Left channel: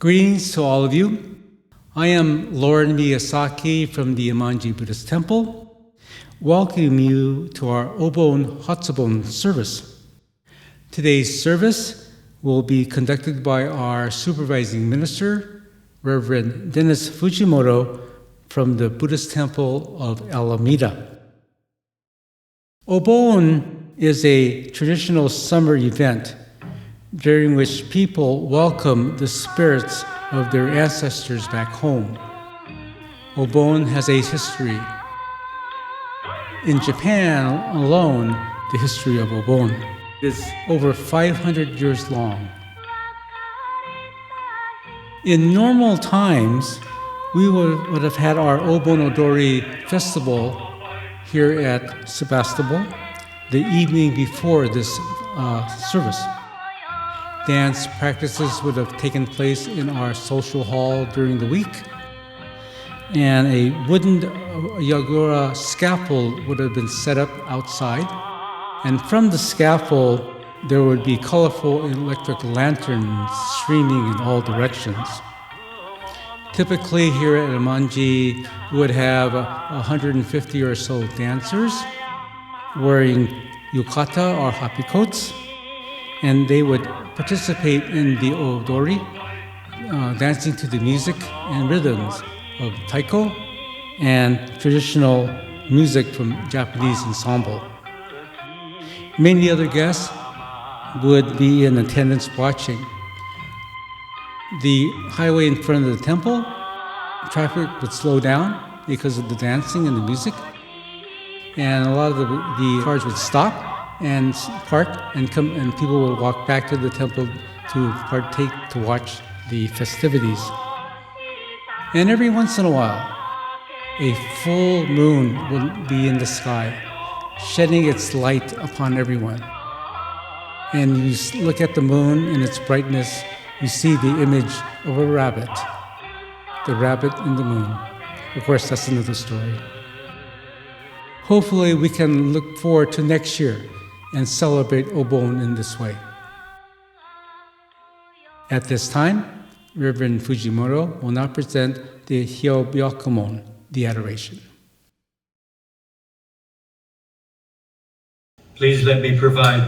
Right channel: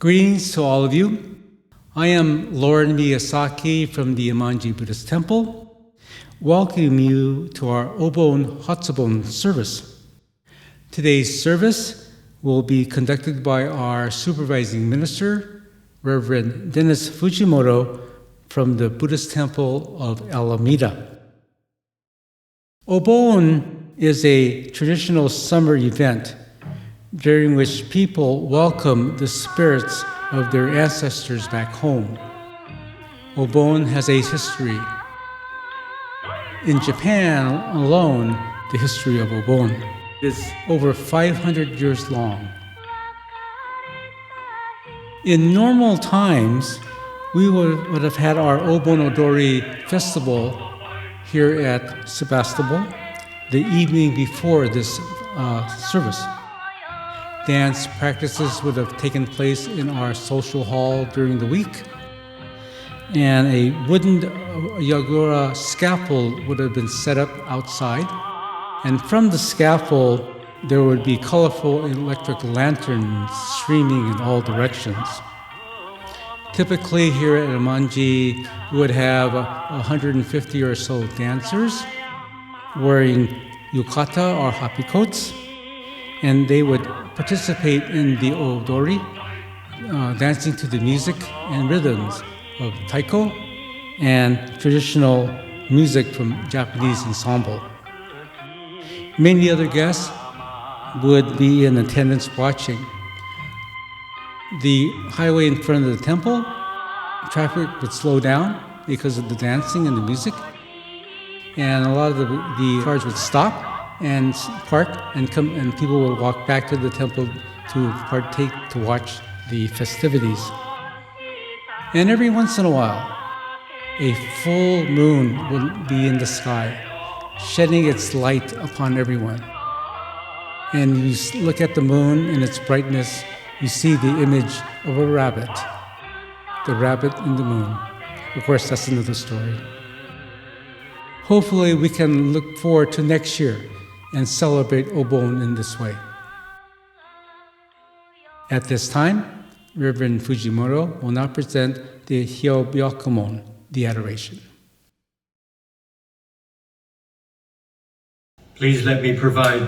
Greetings to all of you. I am Lord Miyazaki from the Enmanji Buddhist Temple, welcoming you to our Obon Hatsubon service. Today's service will be conducted by our supervising minister, Reverend Dennis Fujimoto from the Buddhist Temple of Alameda. Obon is a traditional summer event during which people welcome the spirits of their ancestors back home. Obon has a history. In Japan alone, the history of Obon is over 500 years long. In normal times, we would have had our Obon Odori festival here at Sebastopol the evening before this service. Dance practices would have taken place in our social hall during the week, and a wooden yagura scaffold would have been set up outside, and from the scaffold there would be colorful electric lanterns streaming in all directions. Typically here at Enmanji, we would have 150 or so dancers wearing yukata or happy coats, and they would participate in the odori, dancing to the music and rhythms of taiko and traditional music from Japanese ensemble. Many other guests would be in attendance watching. The highway in front of the temple, traffic would slow down because of the dancing and the music, and a lot of the cars would stop and park and come, and people would walk back to the temple to partake, to watch the festivities. And every once in a while, a full moon will be in the sky, shedding its light upon everyone. And you look at the moon and its brightness, you see the image of a rabbit, the rabbit in the moon. Of course, that's another story. Hopefully, we can look forward to next year and celebrate Obon in this way. At this time, Reverend Fujimoto will now present the Hyobyakumon, the Adoration. Please let me provide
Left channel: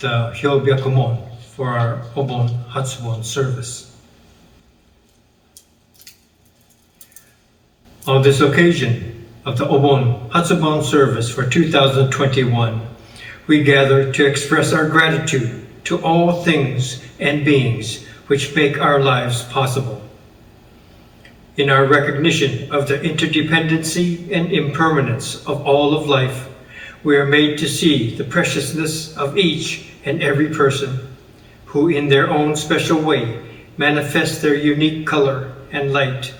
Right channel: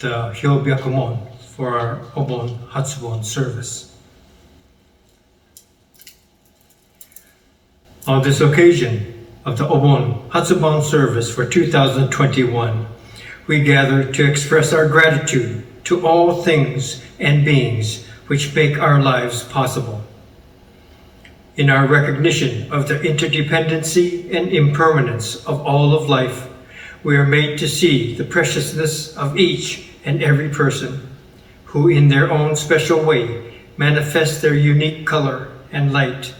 the Hyobyakumon for our Obon Hatsubon service. On this occasion of the Obon Hatsubon service for 2021, we gather to express our gratitude to all things and beings which make our lives possible. In our recognition of the interdependency and impermanence of all of life, we are made to see the preciousness of each and every person, who in their own special way manifest their unique color and light.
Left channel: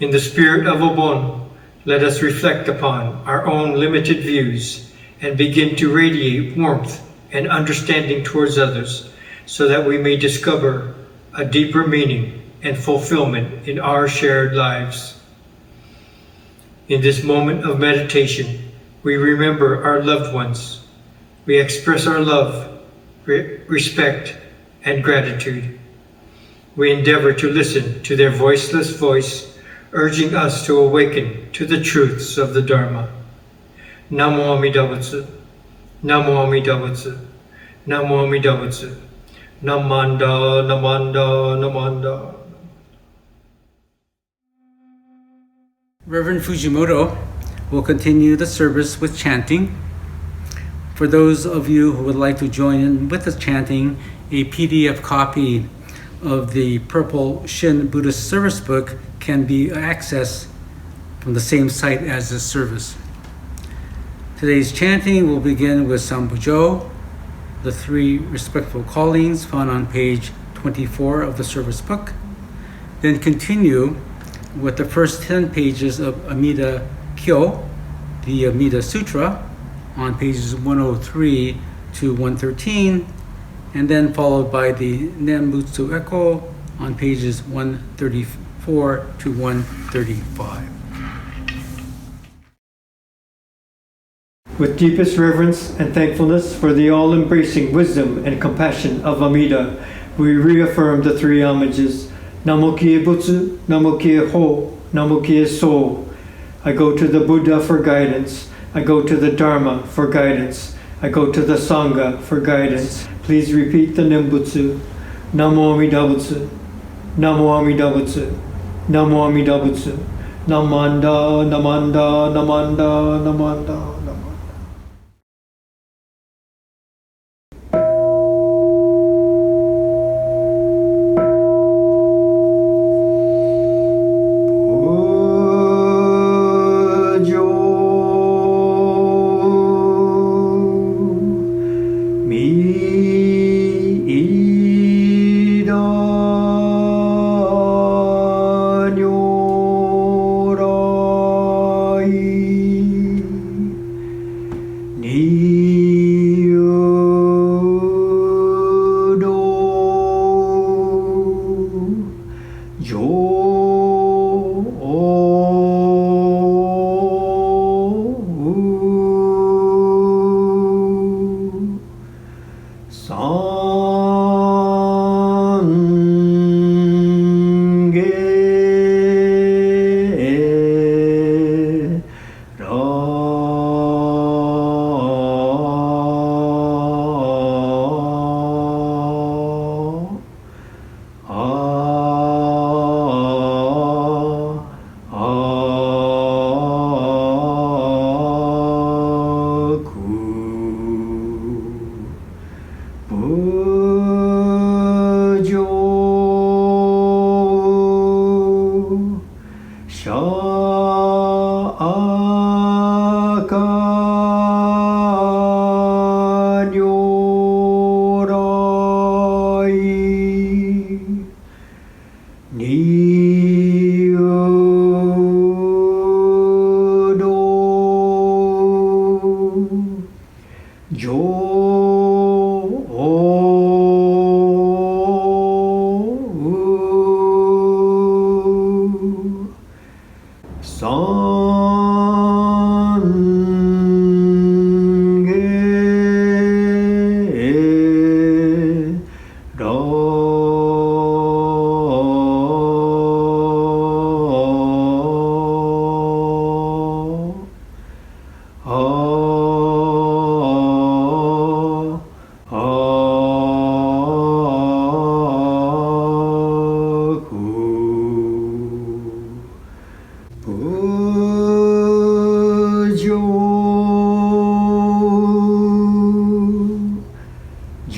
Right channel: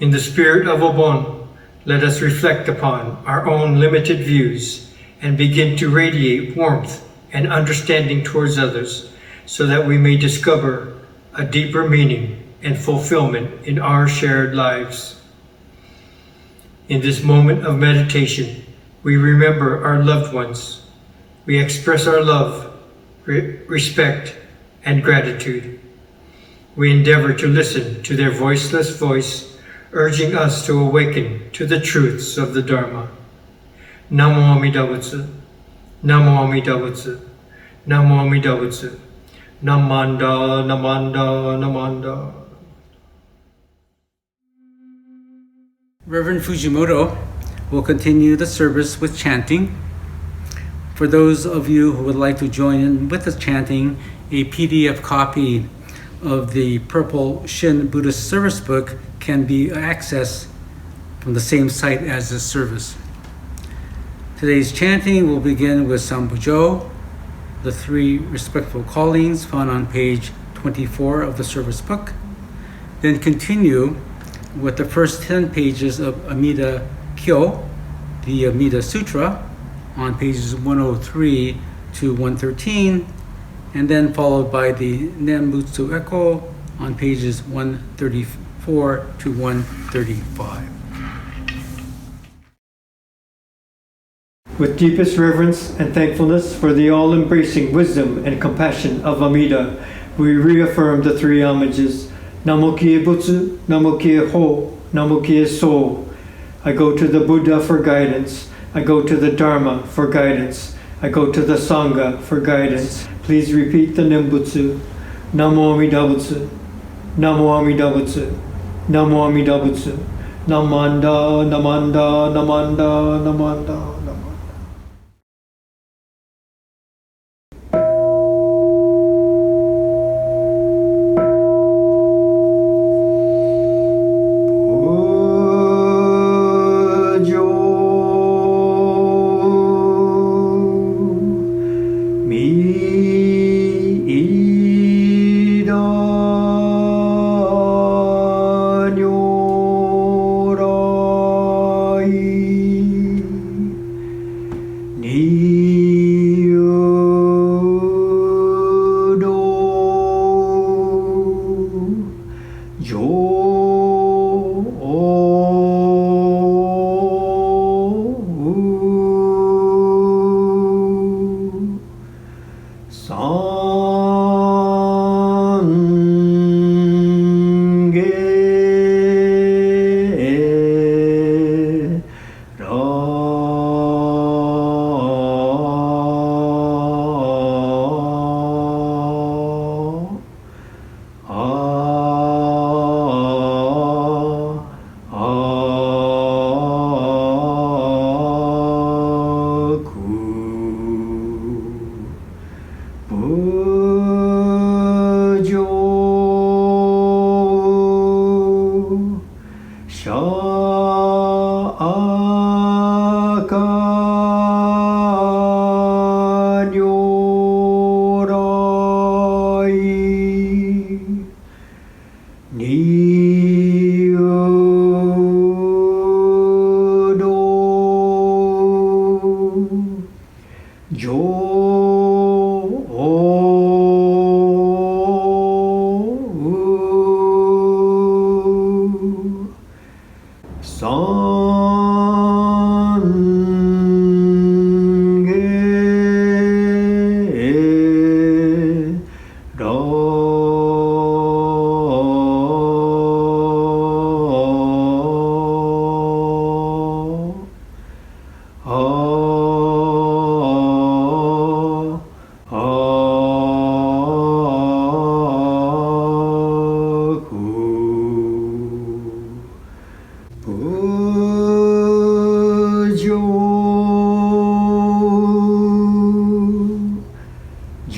In the spirit of Obon, let us reflect upon our own limited views and begin to radiate warmth and understanding towards others, so that we may discover a deeper meaning and fulfillment in our shared lives. In this moment of meditation, we remember our loved ones. We express our love, respect, and gratitude. We endeavor to listen to their voiceless voice, urging us to awaken to the truths of the Dharma. Namo Amida Butsu, Namo Amida Butsu, Namo Amida Butsu, Namanda, Namanda, Namanda. Reverend Fujimoto will continue the service with chanting. For those of you who would like to join in with the chanting, a PDF copy of the Purple Shin Buddhist Service Book can be accessed from the same site as this service. Today's chanting will begin with Sambujo, the 3 respectful callings found on page 24 of the service book, then continue with the first 10 pages of Amida Kyo, the Amida Sutra, on pages 103 to 113, and then followed by the Nembutsu Echo on pages 134 to 135. With deepest reverence and thankfulness for the all-embracing wisdom and compassion of Amida, we reaffirm the 3 homages. Namo Kie Butsu, Namo Kie Ho, Namo Kie So. I go to the Buddha for guidance. I go to the Dharma for guidance. I go to the Sangha for guidance. Please repeat the Nembutsu. Namo Amida Butsu, Namo Amida Butsu, Namo Amida Butsu, Namanda, Namanda, Namanda, Namanda.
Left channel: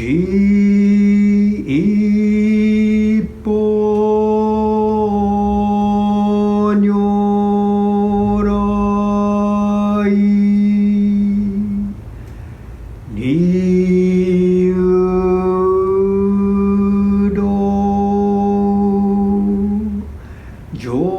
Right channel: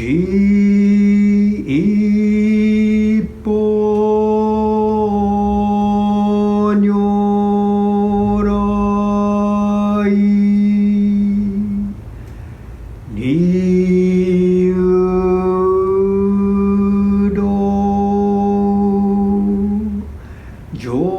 一歩如来流動上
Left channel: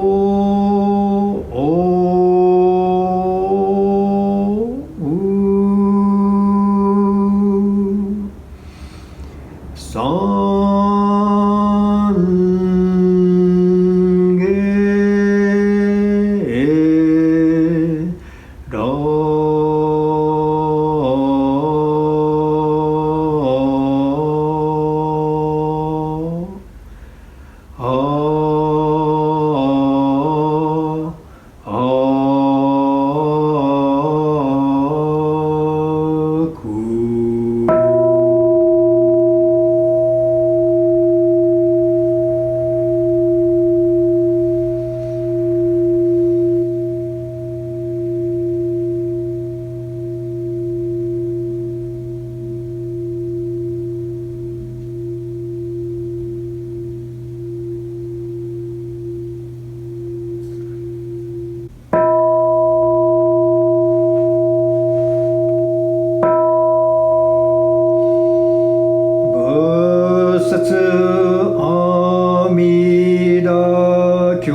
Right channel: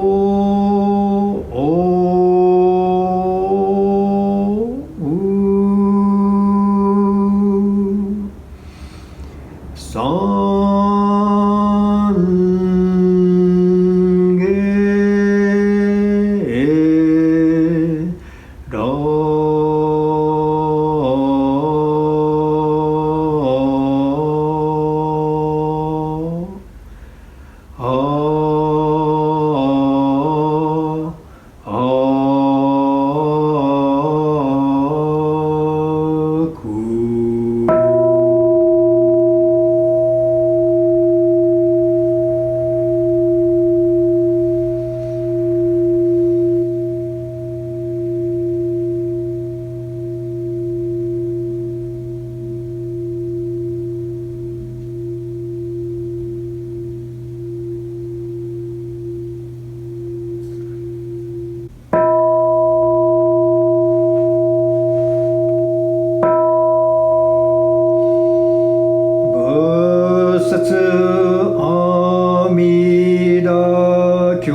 三下ら阿弥陀経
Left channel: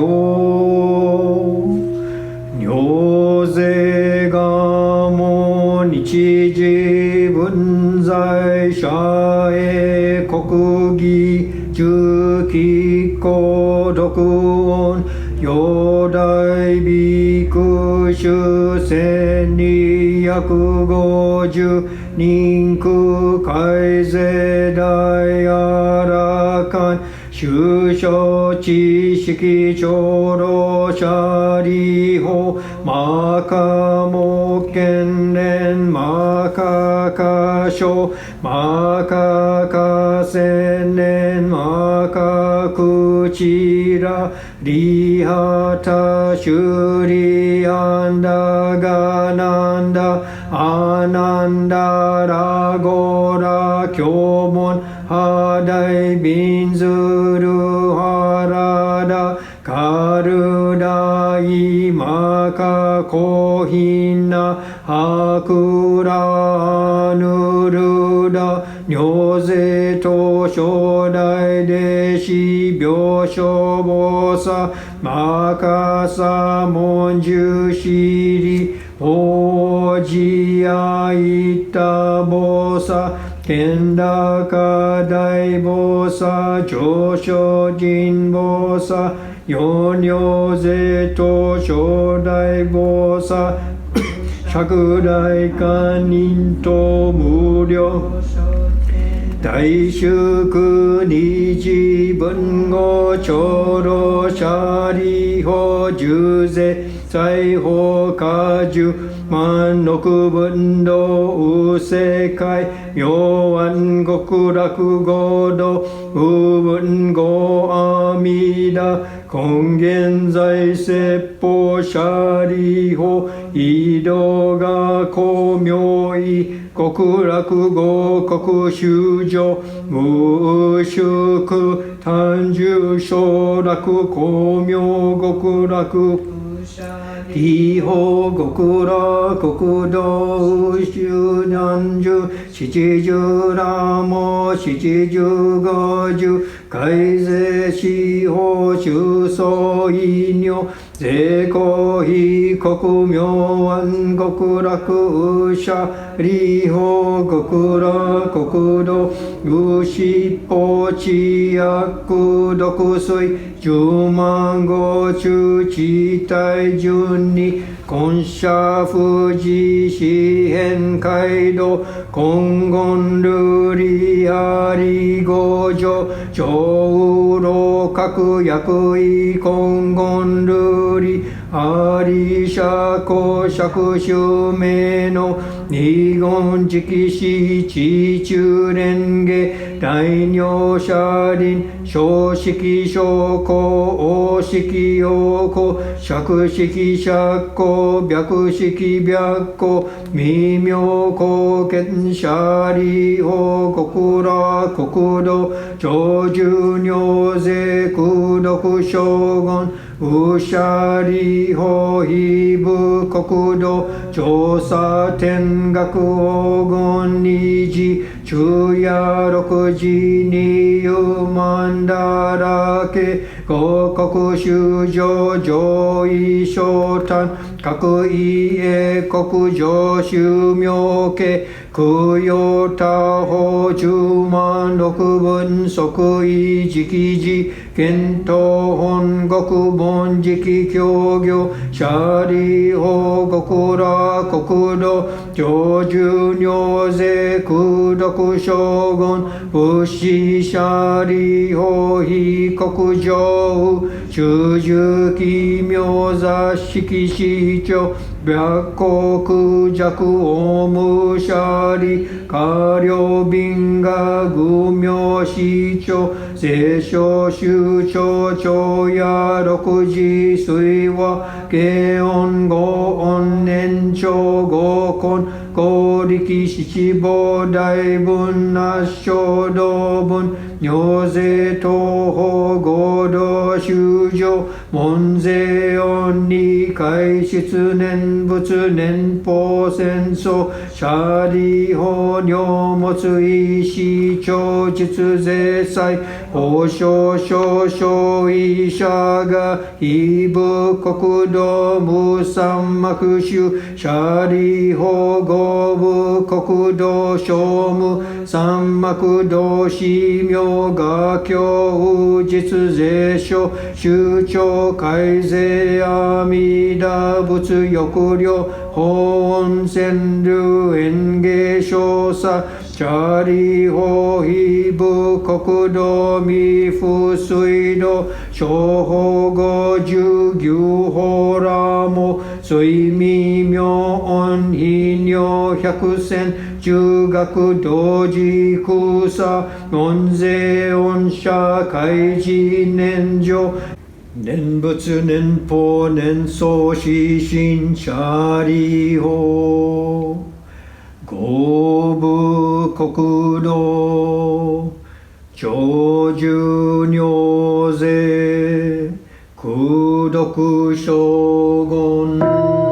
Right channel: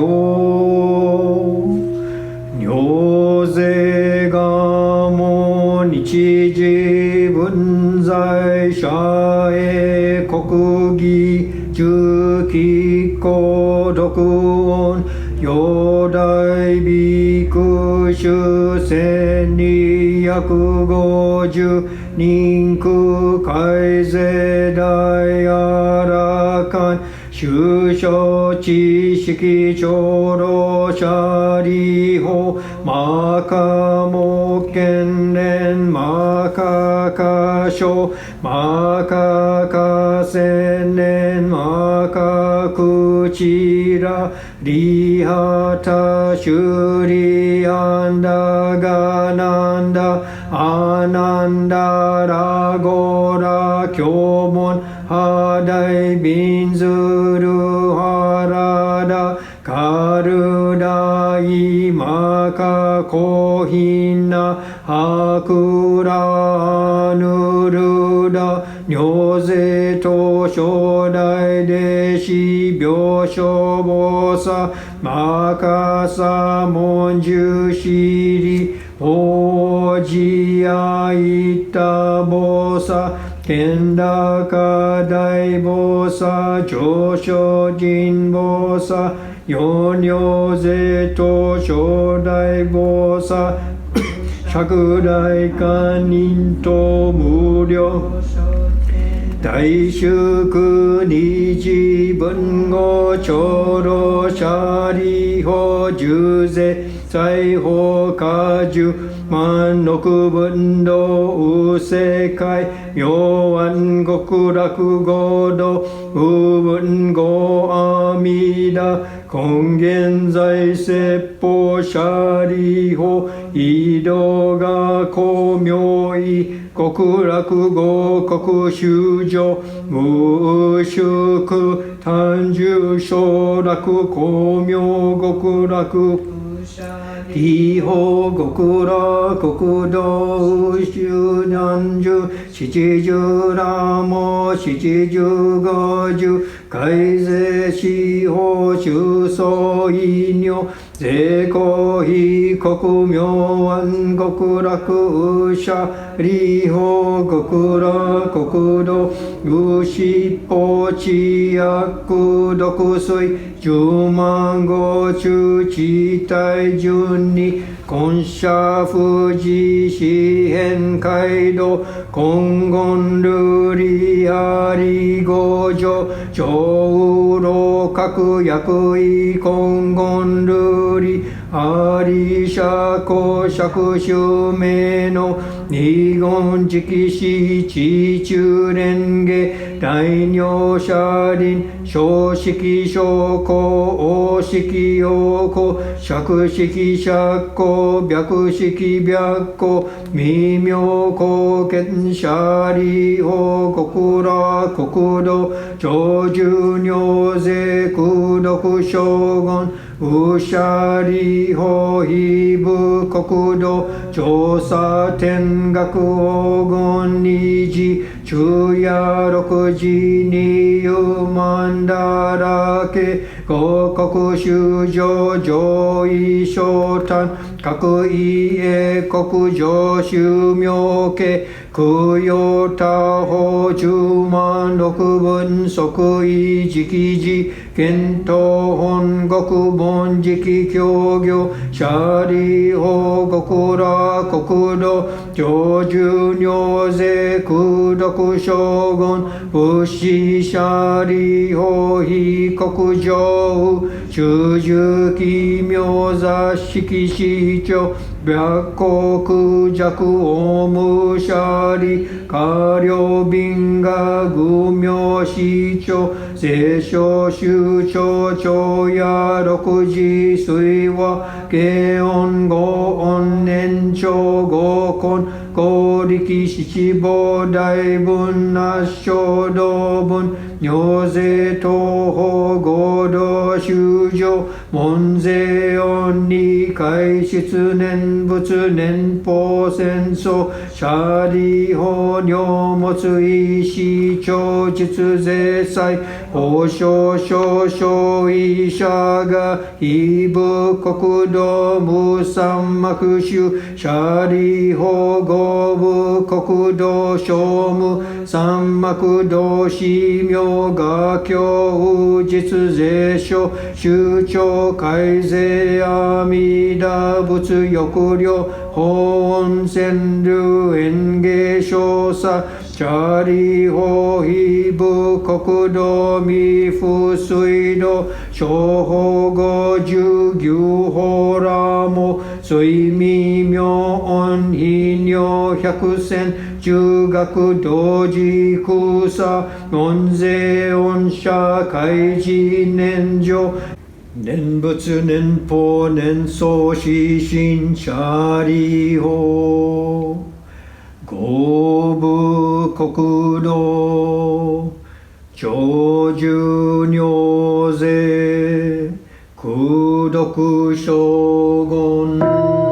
如是がも日時分在者へ国義中期孤独音四大ビク修千二百五十人空海世大あらかん修正知識長老者利法マカモケンレンマカカショマカカセンレンマカクチラリハタシュリアンダガナンダアナンダラゴラキョモンハダイビンズルハラダカルダイマカコヒナハクラヌルダニョゼト初代弟子病床菩薩マカサモンジュシリオジアイタ菩薩健高大菩薩上昇人菩薩四両税と初代菩薩釈大観音と無量大祝日文語長老者利法十世財宝果樹万六分道無世界妙安極楽合道無分語阿弥陀根源在説法者利法移動が光明意極楽合国修上無宿単住昇楽光明極楽地方極楽国道修南樹七十羅網七十五樹海税司法修相異名税公非国明安極楽者利法極楽国土無執法知薬毒水十万五中地帯順に根社富士四辺街道金言瑠璃あり五条上老各役位金言瑠璃アリシャコ釈州名の二言直視地中蓮華大尿車輪小式小公王式陽公釈式釈公白式白公微妙公見舎利法国羅国土長寿尿税功徳将軍ウシャリホヒブ国土調査天学黄金二次昼夜六時二遊万だらけ五国修上上位昇誕各位英国上修妙家供養他法十万六分即位直時検討本国本直教業舎利法国羅国土長寿尿税功徳将軍仏師舎利法非国上中寿奇妙座式市長白国弱オムシャリ下領賓が愚名市長聖書宗長長夜六時水和慶音五音年長五根公力七宝大文那小道文尿税東方合同修上門税音に開出年仏年法戦争舎利法尿物医師長実税祭法少少少医者が非部国土無三幕宗舎利法合部国土商務三幕道司名画教実税書宗長改税阿弥陀仏抑量法音川流園芸少佐舎利法非部国土未付水道小法五十牛法ラモ水未妙音非尿百戦中学同時空差門税音社会事年上念仏念法念相死心舎利法合部国土長寿尿税功徳将軍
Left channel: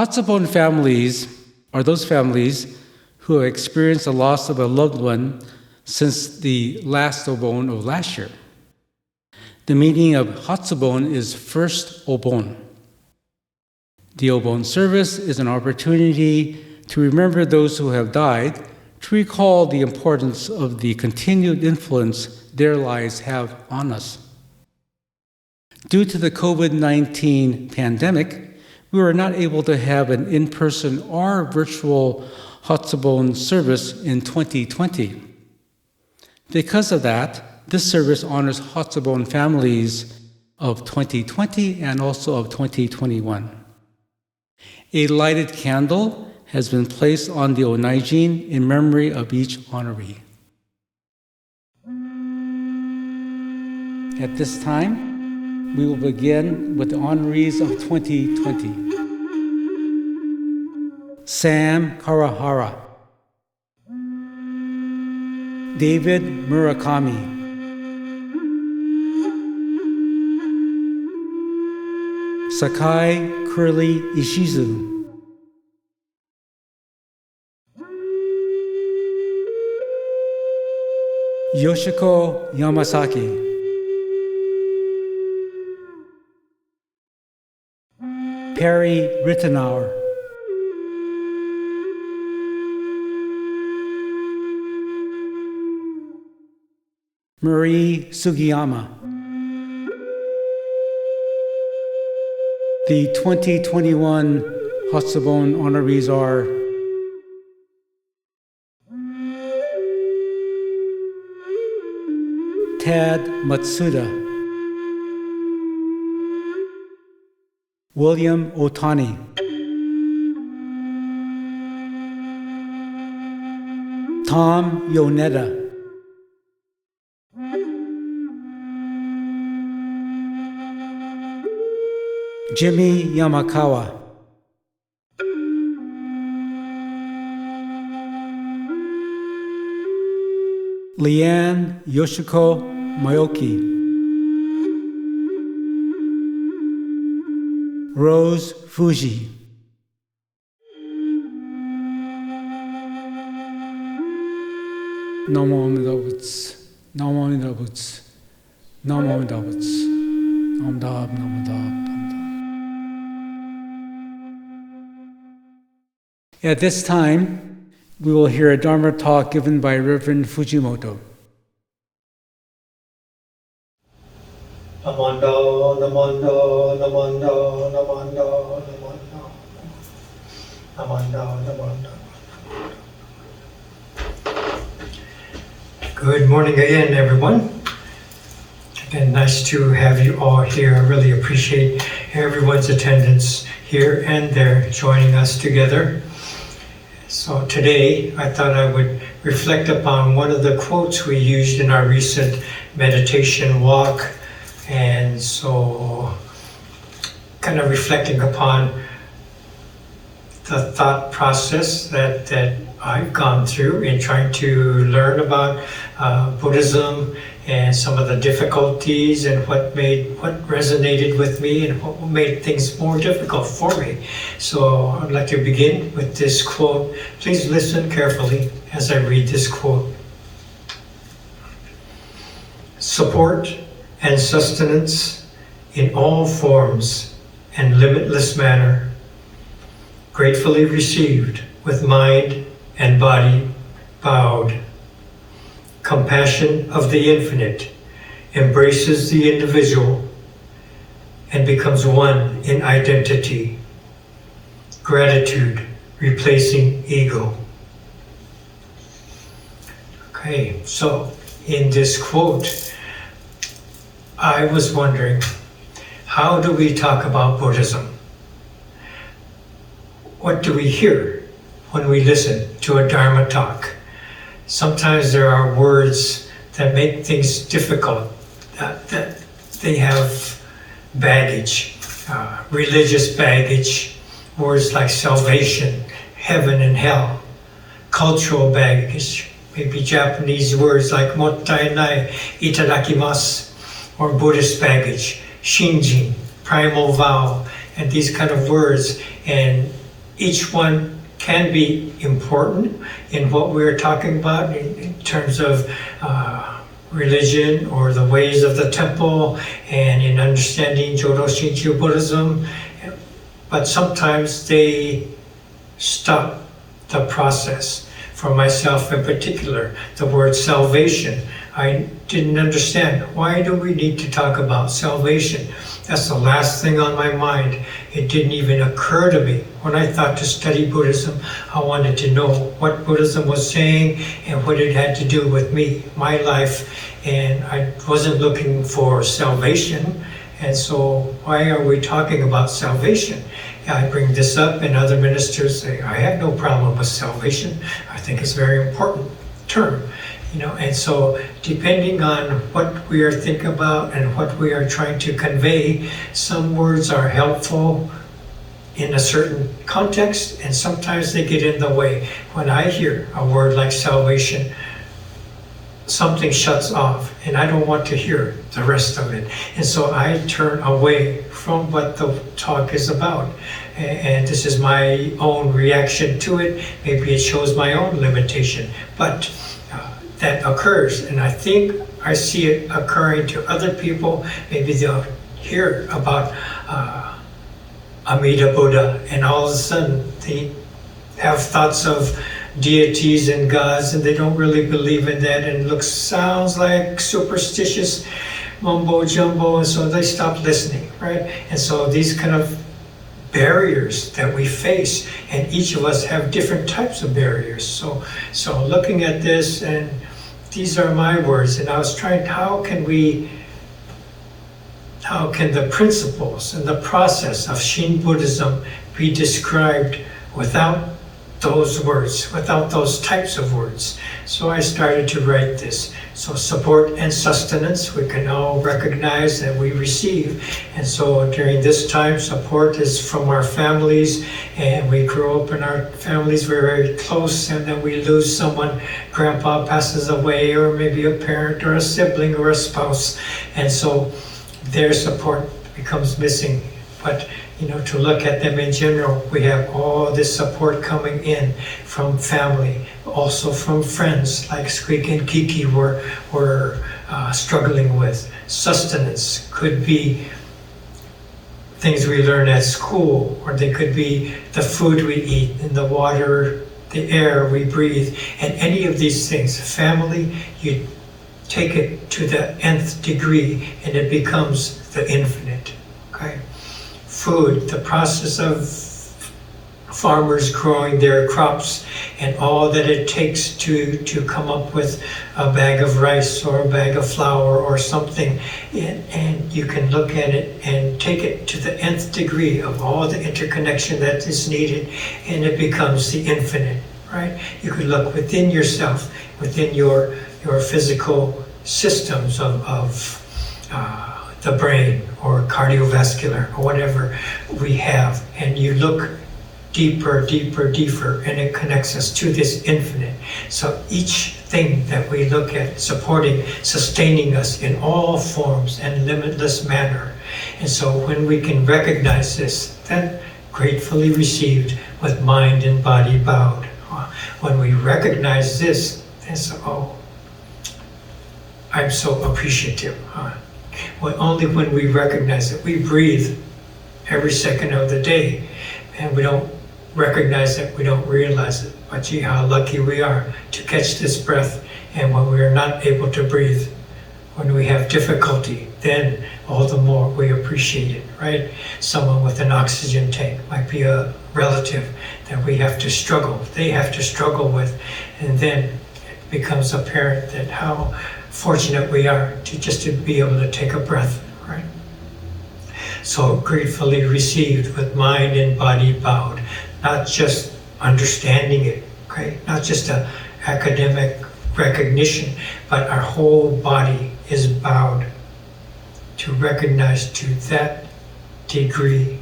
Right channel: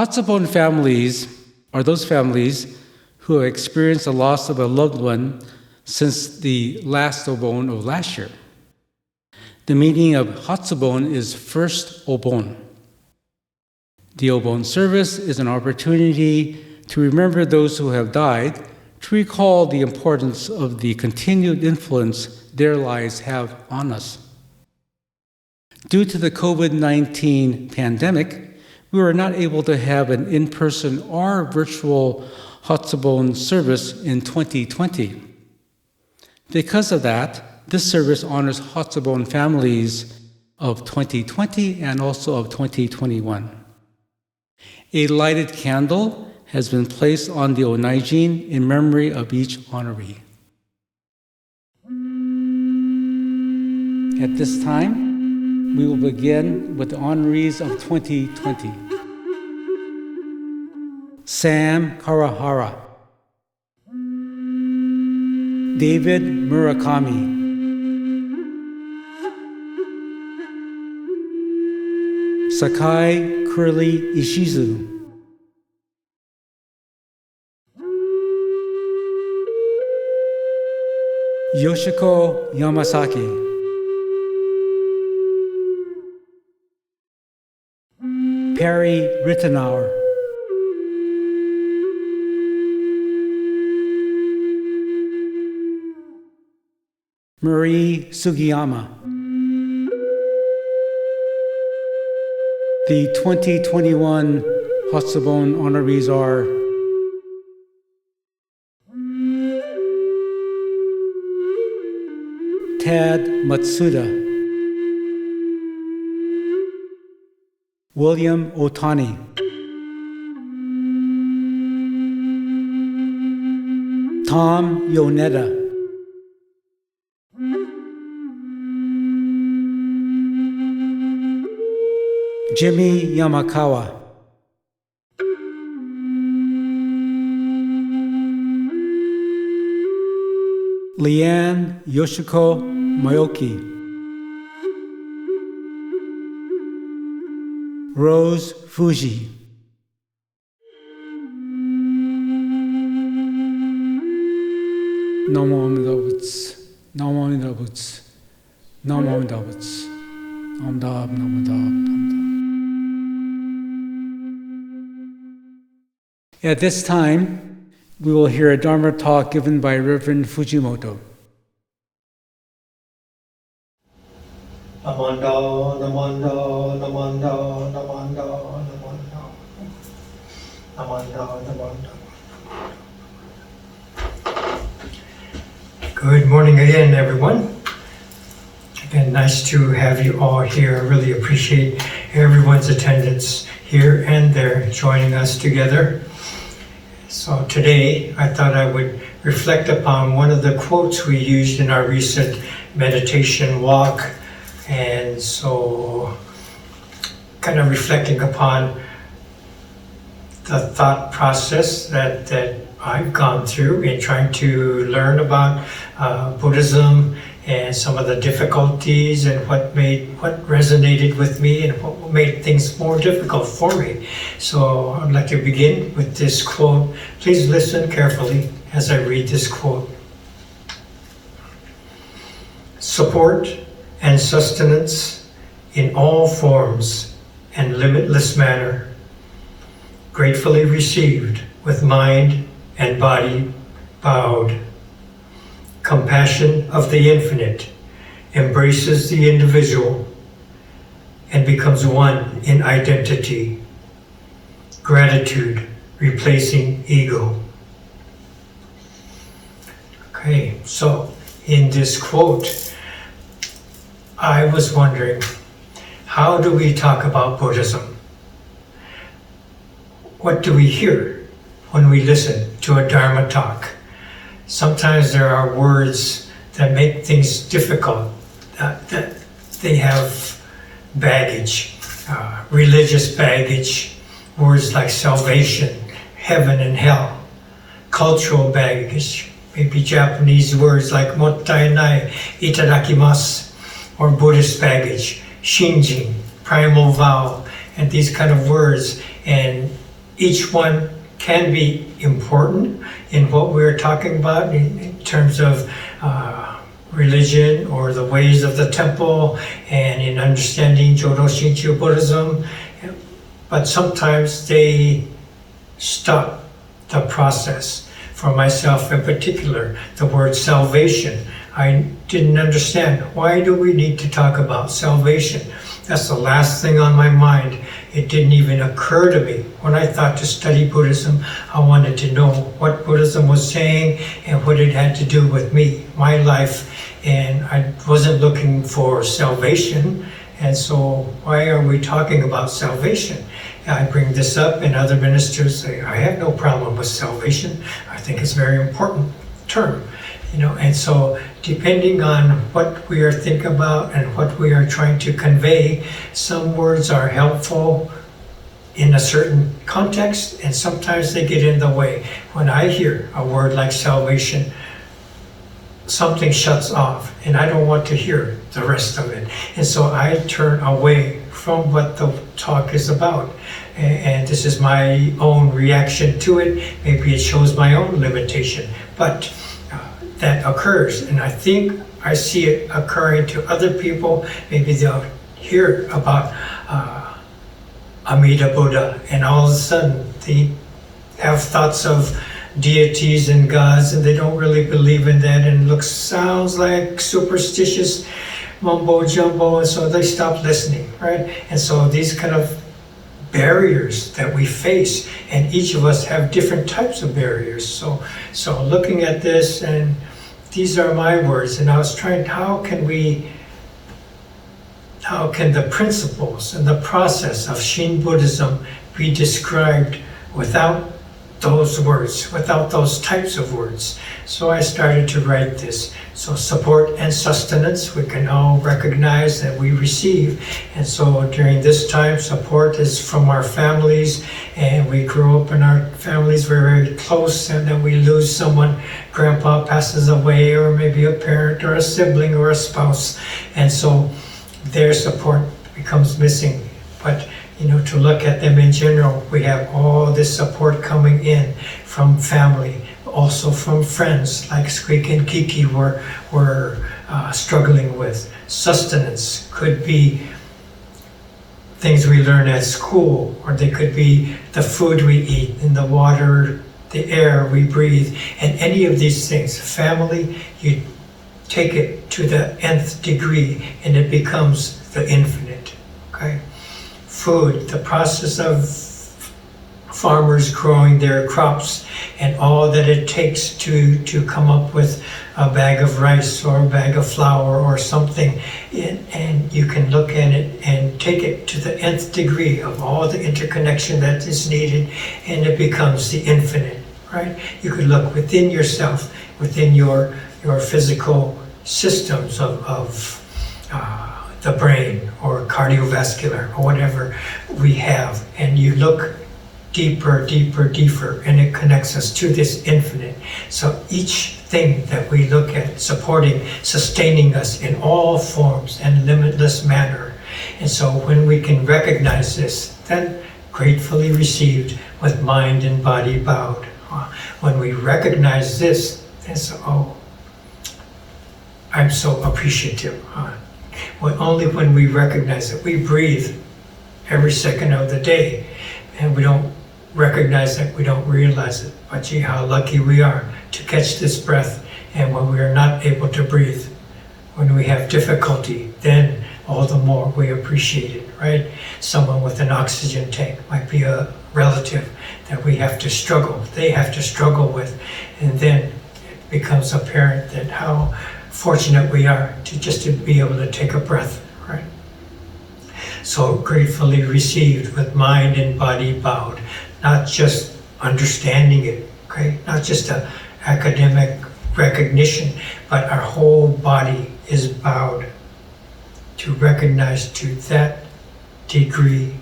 Hatsubon families are those families who have experienced the loss of a loved one since the last Obon of last year. The meaning of Hatsubon is first Obon. The Obon service is an opportunity to remember those who have died, to recall the importance of the continued influence their lives have on us. Due to the COVID-19 pandemic, we were not able to have an in-person or virtual Hatsubon service in 2020. Because of that, this service honors Hatsubon families of 2020 and also of 2021. A lighted candle has been placed on the Onaijin in memory of each honoree. At this time, we will begin with the honorees of 2020. Sam Karahara, David Murakami, Sakai Curly Ishizu, Yoshiko Yamasaki, Perry Rittenauer, Marie Sugiyama. The 2021 Hatsubon honorees are Tad Matsuda, William Otani, Tom Yoneda, Jimmy Yamakawa, Leanne Yoshiko Mayoki, Rose Fuji, Namo Amida Butsu, Namo Amida Butsu, Namo Amida Butsu, Nam Dab, Nam Dab, Nam Dab. At this time, we will hear a Dharma talk given by Reverend Fujimoto. Namando, namando, namando, namando, namando, namando, namando. Good morning again, everyone. Again, nice to have you all here. I really appreciate everyone's attendance here and there, joining us together. So today, I thought I would reflect upon one of the quotes we used in our recent meditation walk. And so, kind of reflecting upon the thought process that I've gone through in trying to learn about Buddhism and some of the difficulties and what resonated with me and what made things more difficult for me. So I'd like to begin with this quote. Please listen carefully as I read this quote. Support and sustenance in all forms and limitless manner, gratefully received with mind and body bowed. Compassion of the infinite embraces the individual and becomes one in identity. Gratitude replacing ego. Okay, so in this quote, I was wondering, how do we talk about Buddhism? What do we hear when we listen to a Dharma talk? Sometimes there are words that make things difficult, that they have baggage, religious baggage, words like salvation, heaven and hell, cultural baggage, maybe Japanese words like mottai nai, itadakimasu, or Buddhist baggage, shinjin, primal vow, and these kind of words. And each one can be important in what we're talking about in terms of religion or the ways of the temple and in understanding Jodo Shinshu Buddhism, but sometimes they stop the process. For myself in particular, the word salvation, I didn't understand. Why do we need to talk about salvation? That's the last thing on my mind. It didn't even occur to me. When I thought to study Buddhism, I wanted to know what Buddhism was saying and what it had to do with me, my life. And I wasn't looking for salvation. And so why are we talking about salvation? I bring this up and other ministers say, I have no problem with salvation. I think it's a very important term. And so depending on what we are thinking about and what we are trying to convey, some words are helpful in a certain context, and sometimes they get in the way. When I hear a word like salvation, something shuts off, and I don't want to hear the rest of it. And so I turn away from what the talk is about. And this is my own reaction to it. Maybe it shows my own limitation, but that occurs. And I think I see it occurring to other people. Maybe they'll hear about Amida Buddha, and all of a sudden they have thoughts of deities and gods, and they don't really believe in that, and sounds like superstitious mumbo jumbo, and so they stop listening, right? And so these kind of barriers that we face, and each of us have different types of barriers. So looking at this, and these are my words, and I was trying, how can the principles and the process of Shin Buddhism be described without those words, without those types of words? So I started to write this. So support and sustenance, we can all recognize that we receive. And so during this time, support is from our families, and we grew up in our families, we're very close, and then we lose someone, grandpa passes away, or maybe a parent or a sibling or a spouse. And so their support becomes missing. But to look at them in general, we have all this support coming in from family, also from friends like Squeak and Kiki were struggling with. Sustenance could be things we learn at school, or they could be the food we eat and the water, the air we breathe, and any of these things. Family, you take it to the nth degree and it becomes the infinite, okay? Food, the process of farmers growing their crops and all that it takes to come up with a bag of rice or a bag of flour or something, and you can look at it and take it to the nth degree of all the interconnection that is needed, and it becomes the infinite, right? You could look within yourself, within your physical systems of the brain or cardiovascular or whatever we have, and you look deeper, and it connects us to this infinite. So each thing that we look at, supporting, sustaining us in all forms and limitless manner. And so when we can recognize this, then gratefully received with mind and body bowed. When we recognize this, it's, I'm so appreciative. Only when we recognize it. We breathe every second of the day, and we don't recognize it, we don't realize it. But gee, how lucky we are to catch this breath. And when we are not able to breathe, when we have difficulty, then all the more we appreciate it, right? Someone with an oxygen tank might be a relative that we have to struggle, they have to struggle with, and then it becomes apparent that how fortunate we are to be able to take a breath, right? So gratefully received with mind and body bowed, not just understanding it, okay? Not just an academic recognition, but our whole body is bowed to recognize to that degree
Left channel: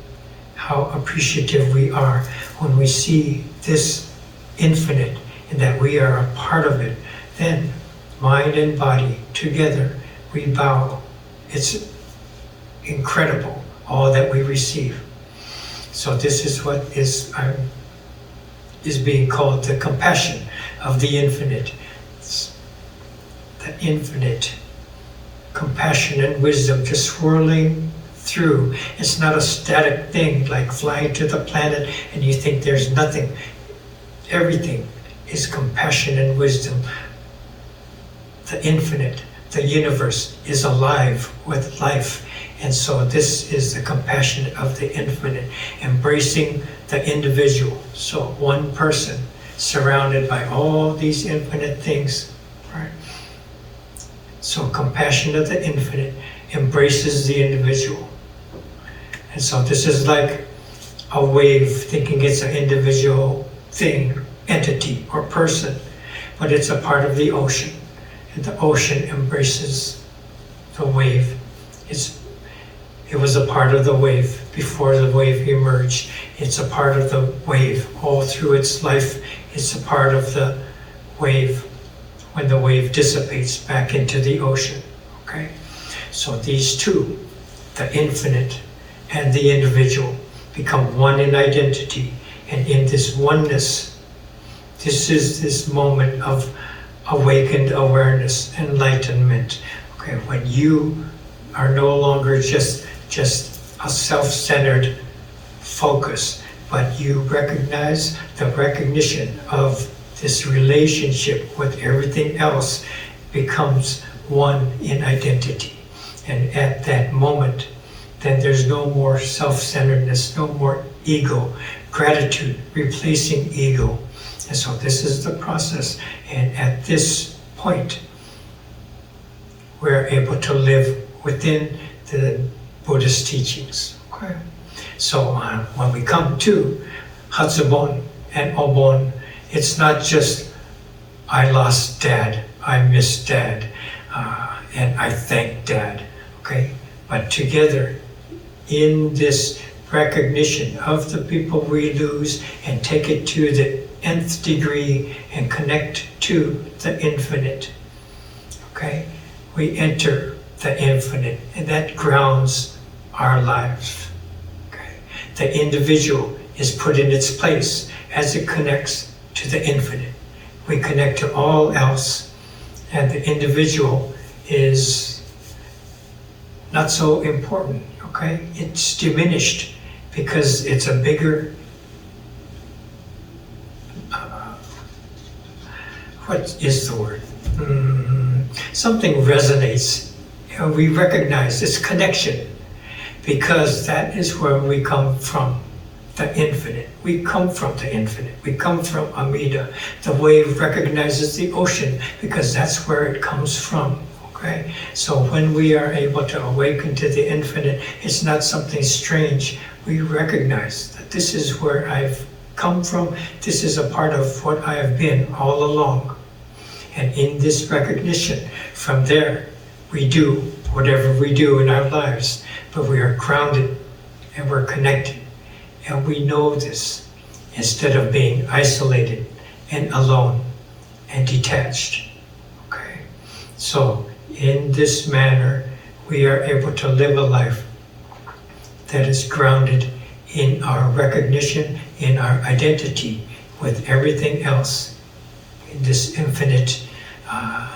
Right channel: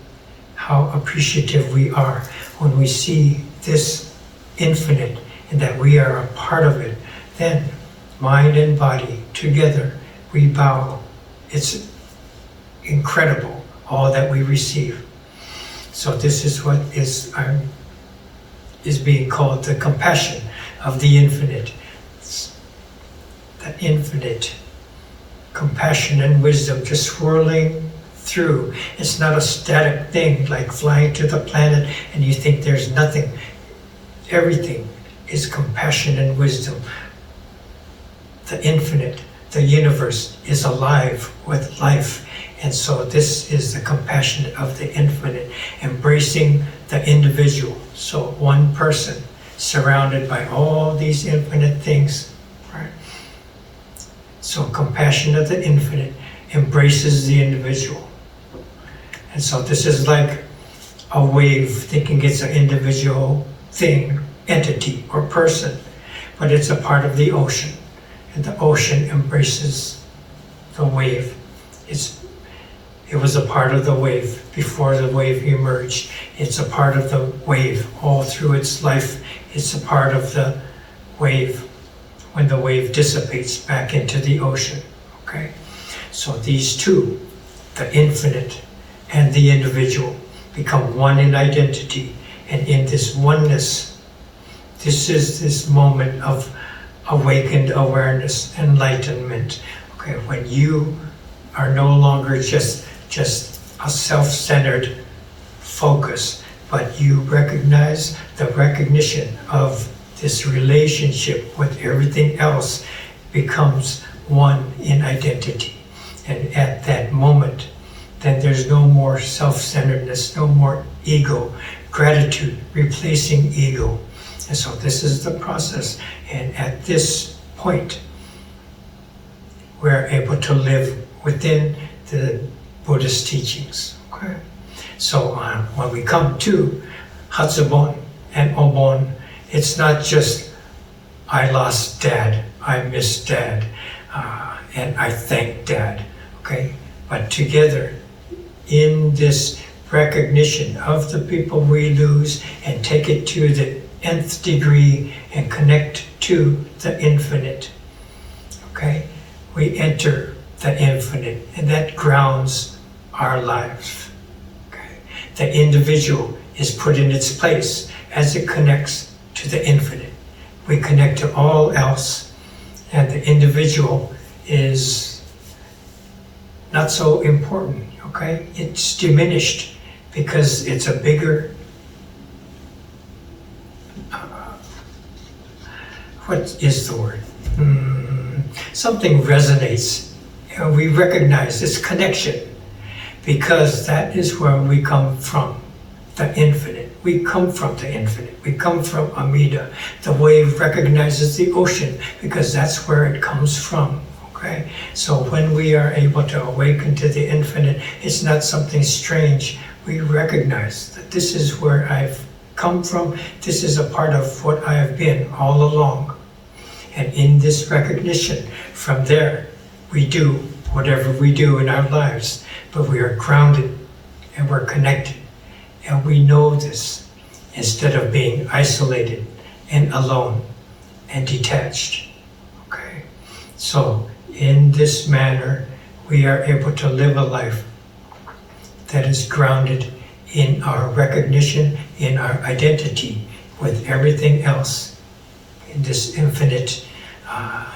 how appreciative we are when we see this infinite and that we are a part of it. Then mind and body together, we bow. It's incredible, all that we receive. So this is what is being called the compassion of the infinite. the infinite compassion and wisdom just swirling through. It's not a static thing like flying to the planet and you think there's nothing. Everything is compassion and wisdom. The infinite, the universe is alive with life. And so this is the compassion of the infinite, embracing the individual. So one person surrounded by all these infinite things, right? So compassion of the infinite embraces the individual. And so this is like a wave, thinking it's an individual thing, entity, or person, but it's a part of the ocean. And the ocean embraces the wave. It was a part of the wave before the wave emerged. It's a part of the wave all through its life. It's a part of the wave when the wave dissipates back into the ocean. Okay? So these two, the infinite and the individual, become one in identity. And in this oneness, this is this moment of awakened awareness, enlightenment. Okay, when you are no longer just a self-centered focus, but you recognize the recognition of this relationship with everything else becomes one in identity. And at that moment, then there's no more self-centeredness, no more ego, gratitude replacing ego. And so this is the process. And at this point, we're able to live within the Buddhist teachings. Okay? So when we come to Hatsubon and Obon, it's not just, I lost Dad, I miss Dad, and I thank Dad. Okay? But together, in this recognition of the people we lose and take it to the nth degree and connect to the infinite. Okay? We enter the infinite, and that grounds our lives. Okay? The individual is put in its place as it connects to the infinite. We connect to all else, and the individual is not so important. Okay? It's diminished because it's a bigger what is the word? Something resonates. And we recognize this connection because that is where we come from, the infinite. We come from the infinite. We come from Amida. The wave recognizes the ocean because that's where it comes from. Okay? So when we are able to awaken to the infinite, it's not something strange. We recognize that this is where I've come from. This is a part of what I have been all along. And in this recognition, from there, we do whatever we do in our lives, but we are grounded and we're connected. And we know this instead of being isolated and alone and detached. Okay? So in this manner, we are able to live a life that is grounded in our recognition, in our identity with everything else in this infinite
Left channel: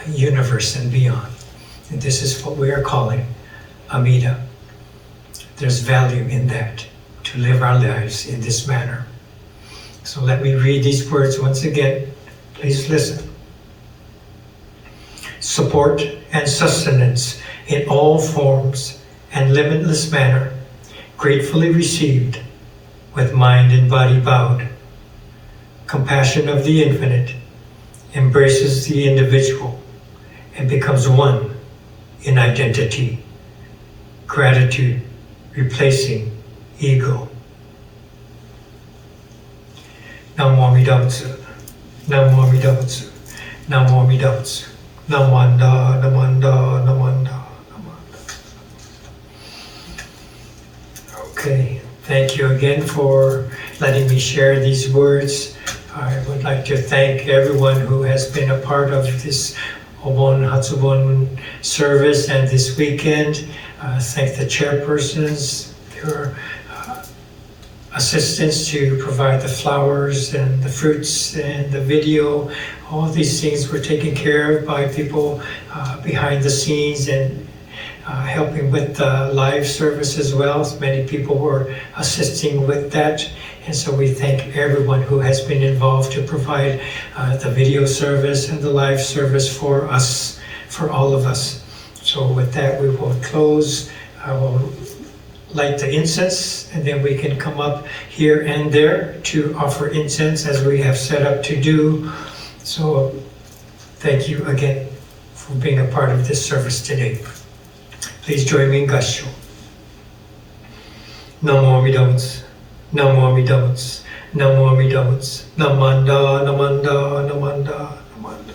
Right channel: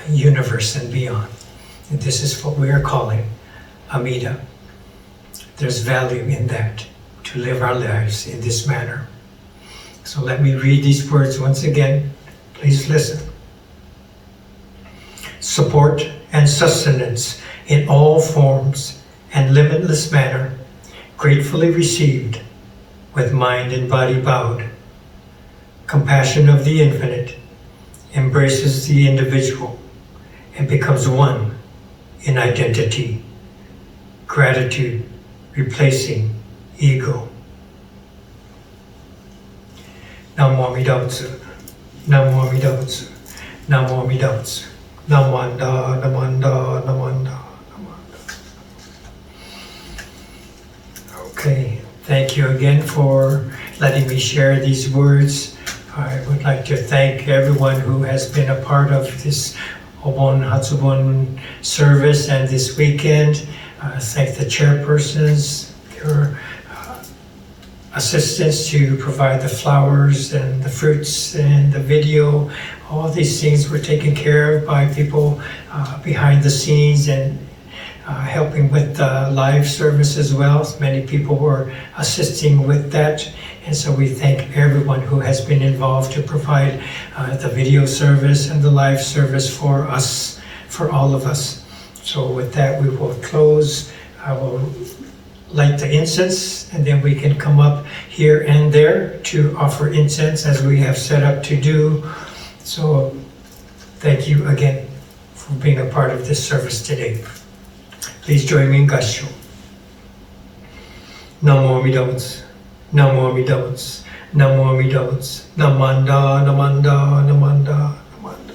universe and beyond. And this is what we are calling Amida. There's value in that, to live our lives in this manner. So let me read these words once again. Please listen. Support and sustenance in all forms and limitless manner, gratefully received, with mind and body bowed. Compassion of the infinite embraces the individual and becomes one in identity. Gratitude replacing ego. Namo Amida Butsu. Namo Amida Butsu. Namo Amida Butsu. Namanda, namanda, namanda. Okay, thank you again for letting me share these words. I would like to thank everyone who has been a part of this Obon Hatsubon service and this weekend. Thank the chairpersons. They were assistance to provide the flowers and the fruits and the video. All these things were taken care of by people behind the scenes and helping with the live service as well. Many people were assisting with that. And so we thank everyone who has been involved to provide the video service and the live service for us, for all of us. So with that, we will close. I will light the incense, and then we can come up here and there to offer incense as we have set up to do. So thank you again for being a part of this service today. Please join me in Gassho. Namo Amida Butsu, Namo Amida Butsu, Namo Amida Butsu, Namanda, Namanda, Namanda, Namanda.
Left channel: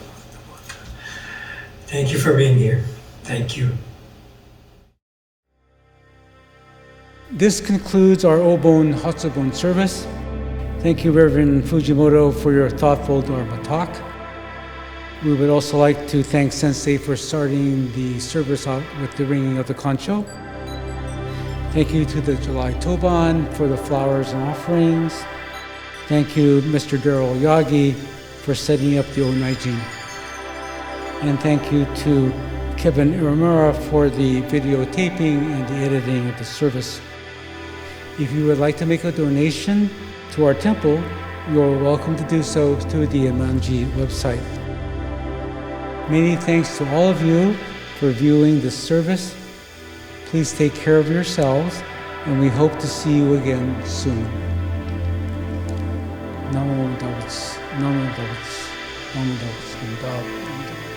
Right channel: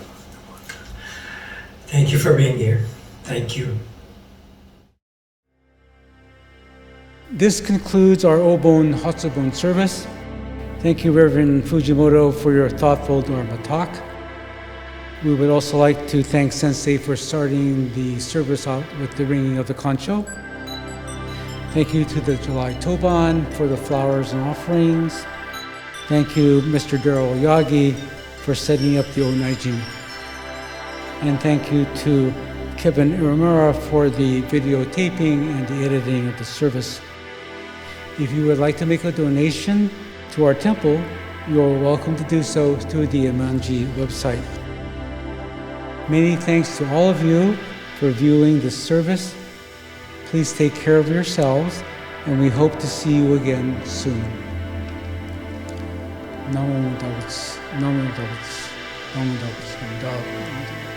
Thank you for being here. Thank you. This concludes our Obon Hatsubon service. Thank you, Reverend Fujimoto, for your thoughtful Dharma talk. We would also like to thank Sensei for starting the service out with the ringing of the Kansho. Thank you to the July Toban for the flowers and offerings. Thank you, Mr. Darryl Yagi, for setting up the Onaijin. And thank you to Kevin Iramura for the videotaping and the editing of the service. If you would like to make a donation to our temple, you are welcome to do so through the Enmanji website. Many thanks to all of you for viewing this service. Please take care of yourselves, and we hope to see you again soon. Namo Butsu, Namo Butsu, Namo Butsu, Namo Butsu.